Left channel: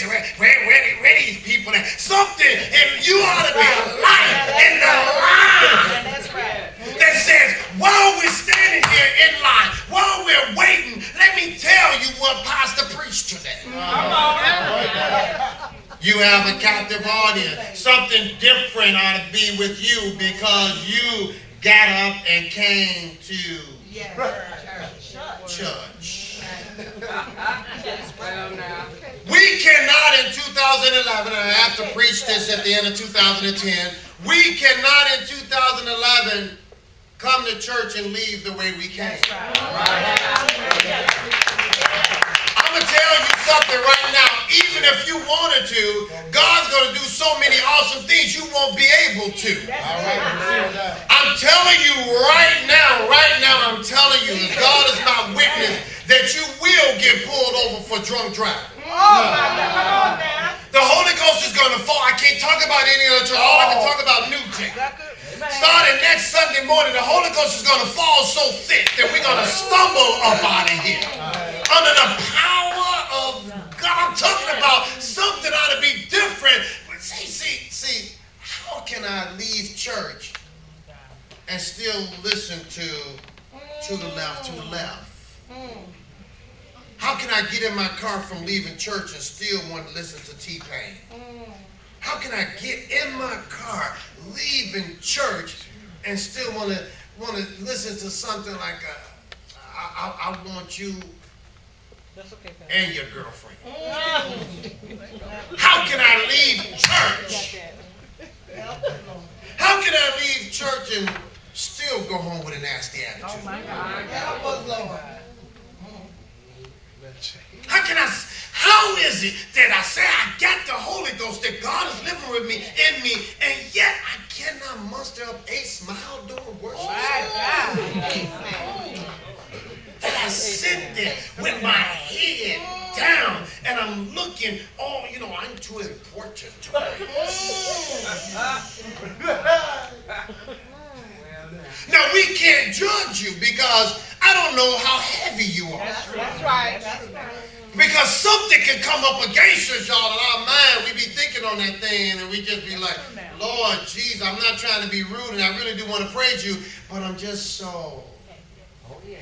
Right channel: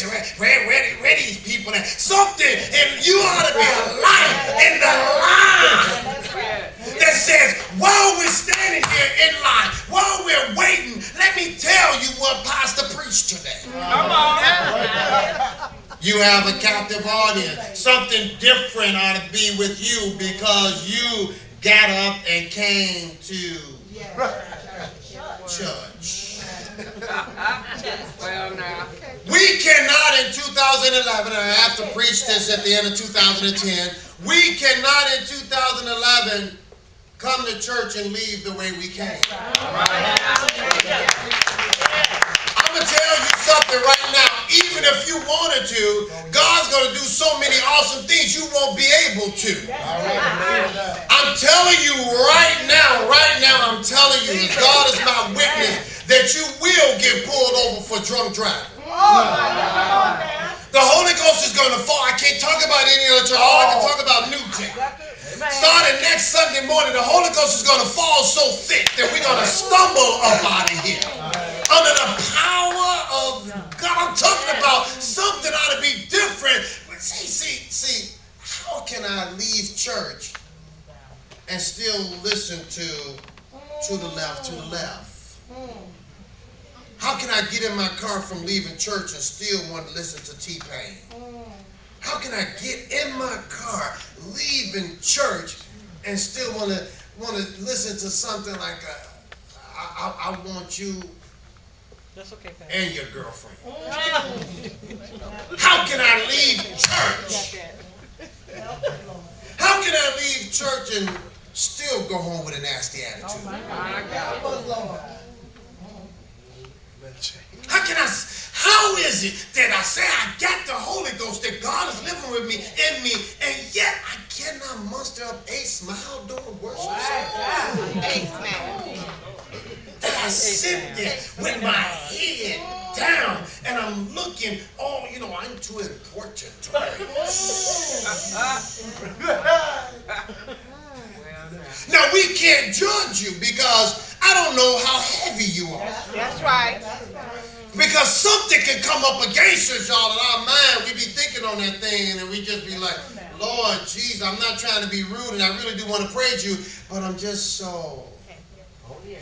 where these people at? Something, and you ought to be a light in the line that says, while we're standing here in line, while we're waiting, let me tell you what Pastor preached today. You have a captive audience. Something different ought to be with you because you got up and came to church. We cannot in 2011, and I have to preach this at the end of 2010, we cannot in 2011 come to church and leave the way we came. I'm going to tell you something right now. Even if you wanted to, God's going to do so many awesome things you won't be able to. I'm telling you right now, I'm telling you, as God is my witness, that you will get pulled over for drunk driving. The Holy Ghost is going to fall. I can't talk about any other church. All I can talk about New Tech. Starting next Sunday morning, the Holy Ghost is going to fall so thick that we're going to stumble up out of here. Under the power of God. I'm talking about something ought to be different. But see, how can I leave church and still listen to the left? How can I get in my car from leaving church and still want to listen to T-Pain? How can I get in my car leaving church and still want to listen to something like I want you and your girlfriend? How can I leave church? How can I leave church and still go home with a nasty attitude? How is it that I say I got the Holy Ghost, that God is living with me, in me, and yet I cannot muster up a smile during worship service? That I sit there with my head down and I'm looking, I'm too important to preach. Now, we can't judge you because I don't know how heavy you are. That's right. Because something can come up against us, y'all, in our mind. We be thinking on that thing and we just be like, Lord, Jesus, I'm not trying to be rude and I really do want to praise you, but I'm just so heavy.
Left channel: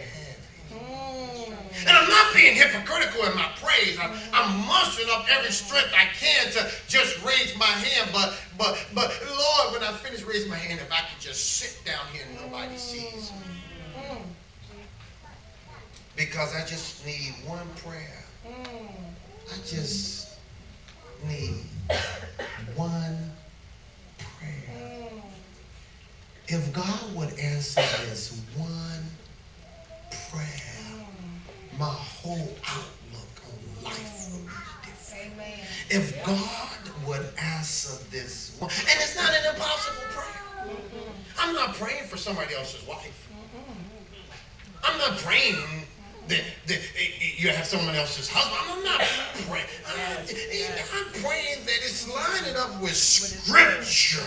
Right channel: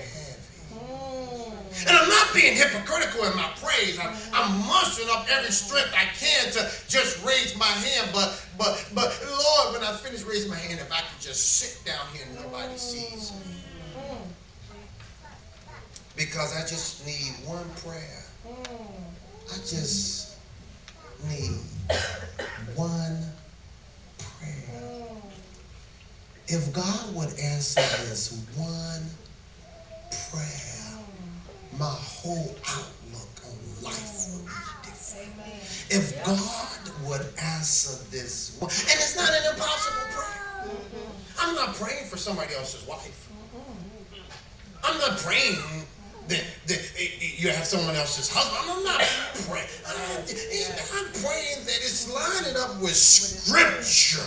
And I'm not being hypocritical in my praise. I'm mustering up every strength I can to just raise my hand. But Lord, when I finish raising my hand, if I could just sit down here and nobody sees me. Because I just need one prayer. I just need one prayer. If God would answer this one prayer, my whole outlook on life will be different. If God would answer this one, and it's not an impossible prayer. I'm not praying for somebody else's wife. I'm not praying that you have someone else's husband. I'm not praying. I'm praying that it's lining up with Scripture.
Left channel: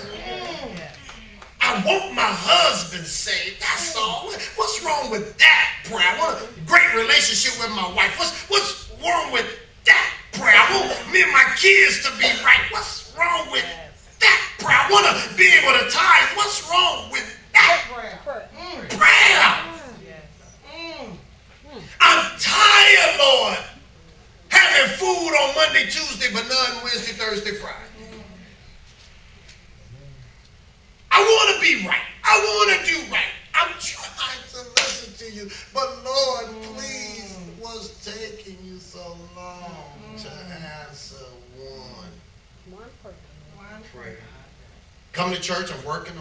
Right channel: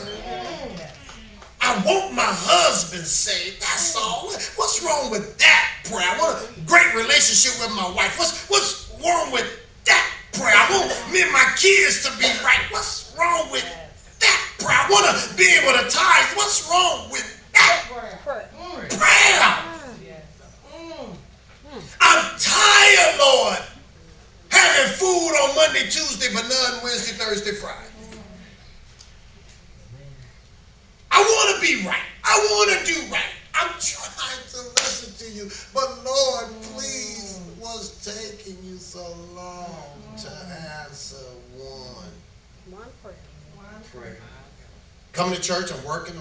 I want my husband saved. That's all. What's wrong with that prayer? I want a great relationship with my wife. What's wrong with that prayer? I want me and my kids to be right. What's wrong with that prayer? I want to be able to tithe. What's wrong with that prayer? I'm tired, Lord, having food on Monday, Tuesday, but none Wednesday, Thursday, Friday. I want to be right. I want to do right. I'm trying to listen to you, but Lord, please, what's taking you so long to answer one prayer? Coming to church, I'm working.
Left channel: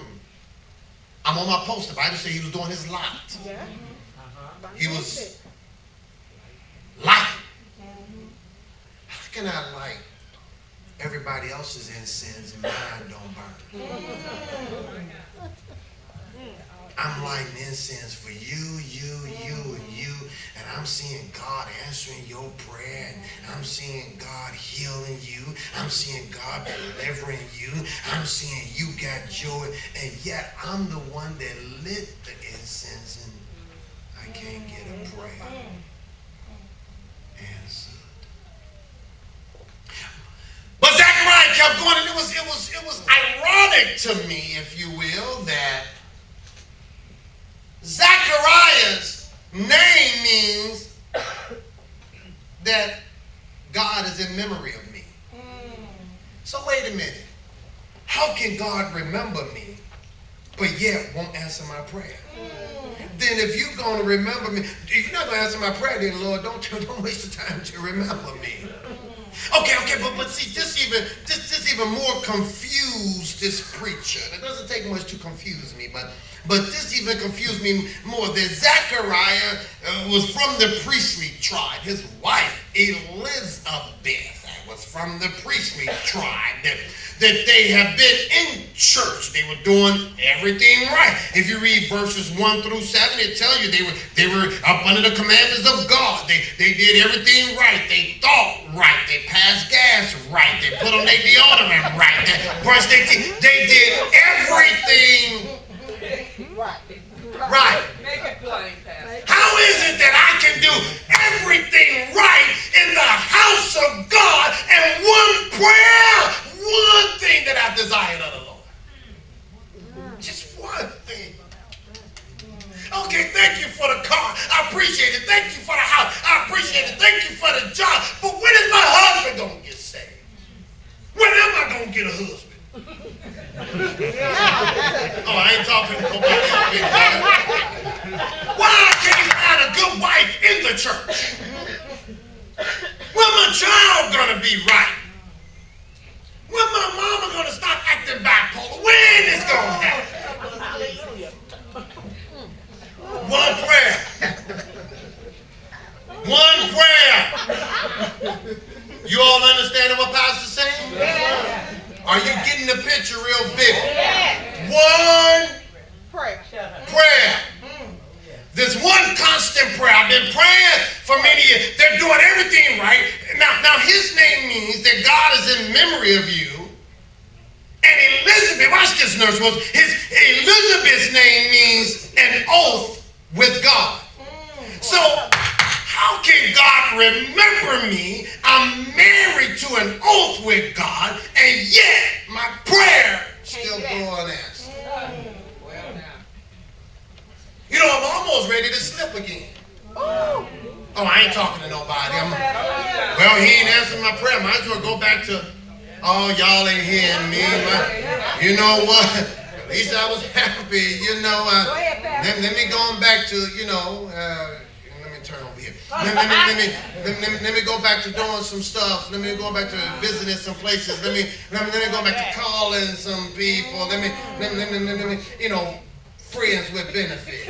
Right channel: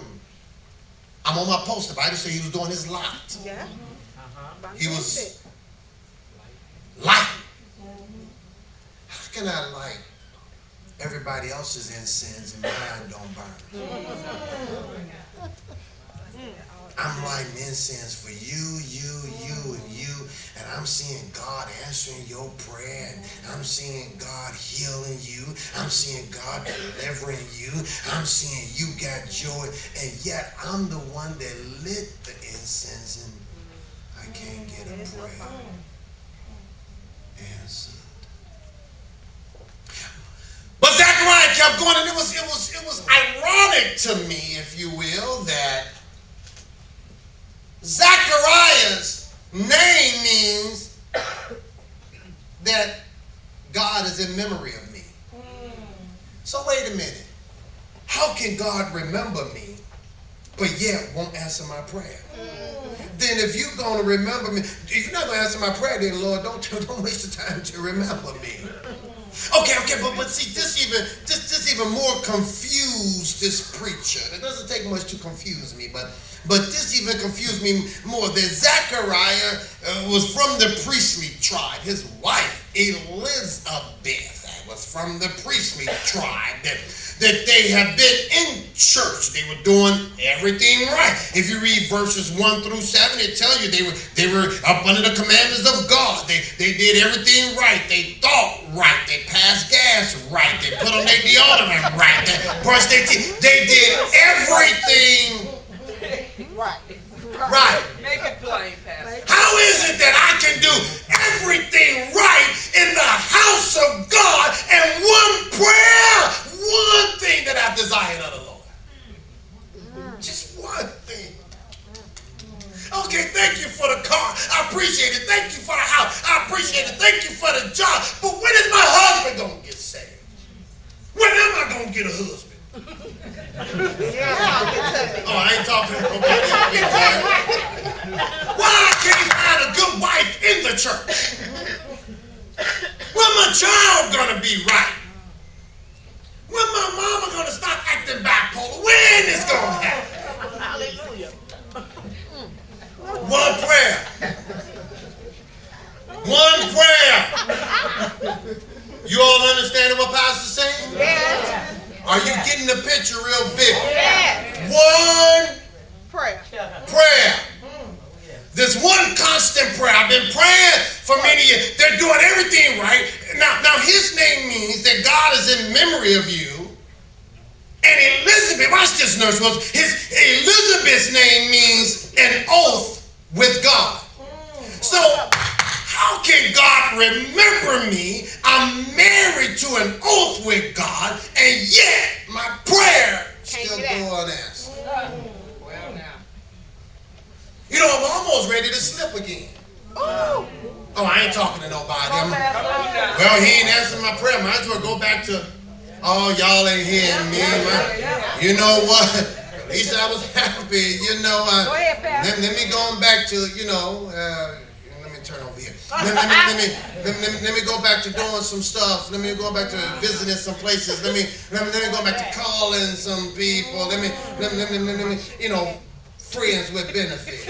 I'm on my post. The Bible said he was doing his lot. He was light. How can I light everybody else's incense and mine don't burn? I'm lighting incense for you, and I'm seeing God answering your prayer, and I'm seeing God healing you, I'm seeing God delivering you, I'm seeing you got joy, and yet I'm the one that lit the incense and I can't get a prayer answered. kept going, and it was ironic to me, if you will, that Zachariah's name means that God is in memory of me. So wait a minute. How can God remember me, but yet won't answer my prayer? Then if you're going to remember me, if you're not going to answer my prayer, then Lord, don't waste the time to remember me. Okay, but see, this even more confused this preacher. It doesn't take much to confuse me, but this even confused me more. That Zachariah was from the priestly tribe. His wife, Elizabeth, was from the priestly tribe. That they have been in church. They were doing everything right. If you read verses 1 through 7, it tells you they were up under the commandments of God. They did everything right. They thought right. They passed gas right. They put on their deodorant right. They brushed their teeth. They did everything right. How is it that I can do everything right in the house of God and one prayer? One thing that I've desired of the Lord. Just one thing. Okay, thank you for the car. I appreciate it. Thank you for the house. I appreciate it. Thank you for the job. But when is my husband going to get saved? When am I going to get a husband? Oh, I ain't talking to nobody else big time. Why can't he find a good wife in the church? When my child going to be right? When my mama going to stop acting bipolar? When is going to happen? Hallelujah. One prayer. One prayer. You all understanding what Pastor's saying? Yeah. Are you getting the picture real big? Yeah. One prayer. There's one constant prayer. I've been praying for many years. They're doing everything right. Now his name means that God is in memory of you. And Elizabeth, watch this, nurse. Elizabeth's name means an oath with God. So how can God remember me? I'm married to an oath with God, and yet my prayer still go unanswered. You know, I'm almost ready to slip again. Oh, I ain't talking to nobody. Well, he ain't answering my prayer. Might as well go back to, oh, y'all ain't hearing me. You know what? At least I was happy. You know, let me go back to, let me turn over here. Let me go back to doing some stuff. Let me go back to visiting some places. Let me go back to calling some people. Let me, friends with benefits.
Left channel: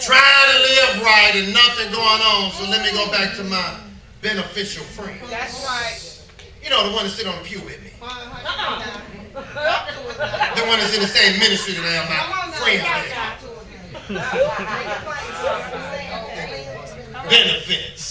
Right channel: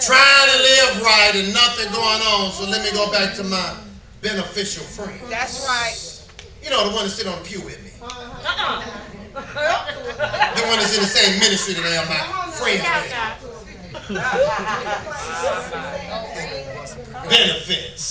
Trying to live right and nothing going on, so let me go back to my beneficial friends. That's right. You know, the one that sit on the pew with me. The one that's in the same ministry that I am my friends with. Benefits.